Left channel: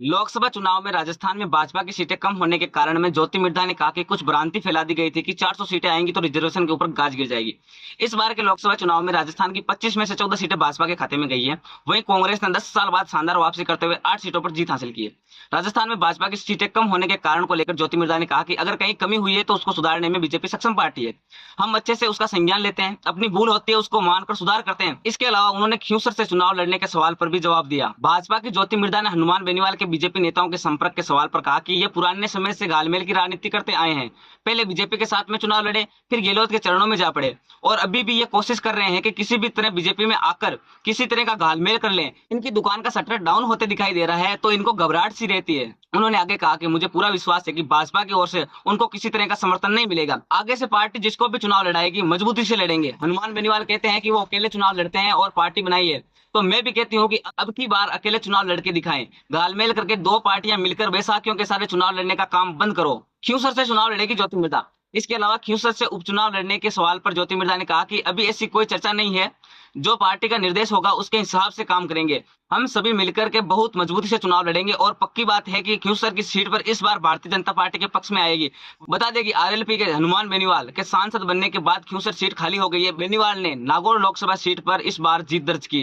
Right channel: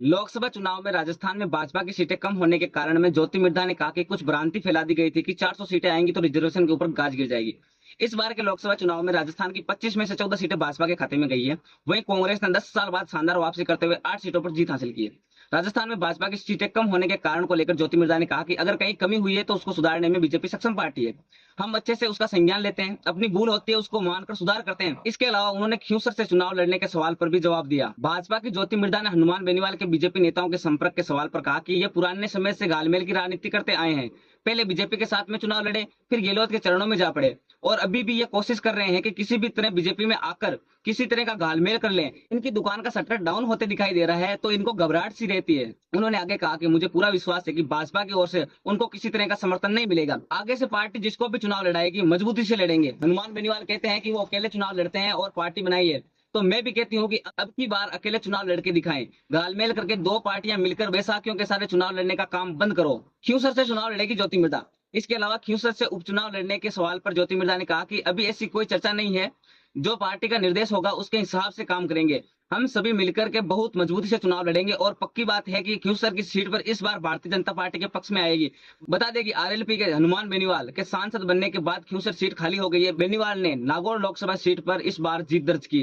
लोकसभा चुनाव में राजस्थान में भाजपा की सीटें कम होने के कारण में ज्योति मिर्धा ने कहा कि कुछ भ्रांति फैला दी गई थी कि 400 सीटें आएंगी तो रिजर्वेशन के ऊपर गाज गिर जाएगी। इस बार के लोकसभा चुनाव में राजस्थान की 25 में से 14 सीटें भाजपा के खाते में गई है। वहीं कांग्रेस ने 10 साल बाद शानदार वापसी करते हुए 8 सीटों पर जीत हासिल की है। राजस्थान में भाजपा की सीटें कम होने के कारण को लेकर ज्योति मिर्धा ने कहा कि अगर कहीं कमी हुई है तो उसको सुधारने में बीजेपी सक्षम पार्टी है। हम अच्छे से उसका संज्ञान लेते हैं, अपनी भूल होती है उसको मानकर सुधार करते हैं। इसके अलावा उन्होंने खींवसर से चुनाव लड़ने के सवाल पर भी जवाब दिया। भाजपा की ज्योति मिर्धा ने हनुमान बेनीवाल के बीजेपी नेताओं के संपर्क के सवाल पर कहा कि ये पुराने समय से घालमेल की राजनीति करते आए हैं। पहले बीजेपी के साथ में चुनाव लड़े, फिर गहलोत के चरणों में जा पड़े और अभी भी ये कोशिश कर रहे हैं कि किसी भी तरह बीजेपी में आकर किसी तरह का घालमेल कर लें। इनकी दुकान का शटर डाउन होते दिखाई दे रहा है तो इनको घबराहट सी रहती है। उन्होंने आगे कहा कि मुझे पूरा विश्वास है कि भाजपा की ओर से उनको किसी तरह का समर्थन नहीं मिलेगा। आगे से पार्टी जिसको भी चुनाव लड़ाएगी मजबूती से लड़ेंगे। हनुमान बेनीवाल कहते हैं कि वो अकेले चुनाव लड़ते हैं और पार्टी बनाई है, तो मैं भी कहती हूँ कि अब की बार अकेले चुनाव लड़के दिखाएं। घालमेल करके दो पार्टियां मिलकर बैसाखियों के सारे चुनाव लड़ने का काम बंद करो। खींवसर से चुनाव लड़ेगी ज्योति मिर्धा। इसके अलावा खींवसर से उपचुनाव लड़ने के सवाल पर ज्योति मिर्धा ने कहा कि अभी ऐसी कोई चर्चा नहीं है, जो पार्टी का निर्देश होगा उसके हिसाब से काम करेंगे। हम सभी मिलकर के बहुत मजबूती से चुनाव लड़ेंगे और पक्की बात है कि खींवसर की सीट पर इस बार भारतीय जनता पार्टी के पक्ष में आएगी। बता दें कि आरएलपी के हनुमान बेनीवाल के सांसद बनने के बाद खींवसर सीट खाली हो गई है। बेनीवाल ने नागौर लोकसभा सीट पर इस बार जीत दर्ज की है।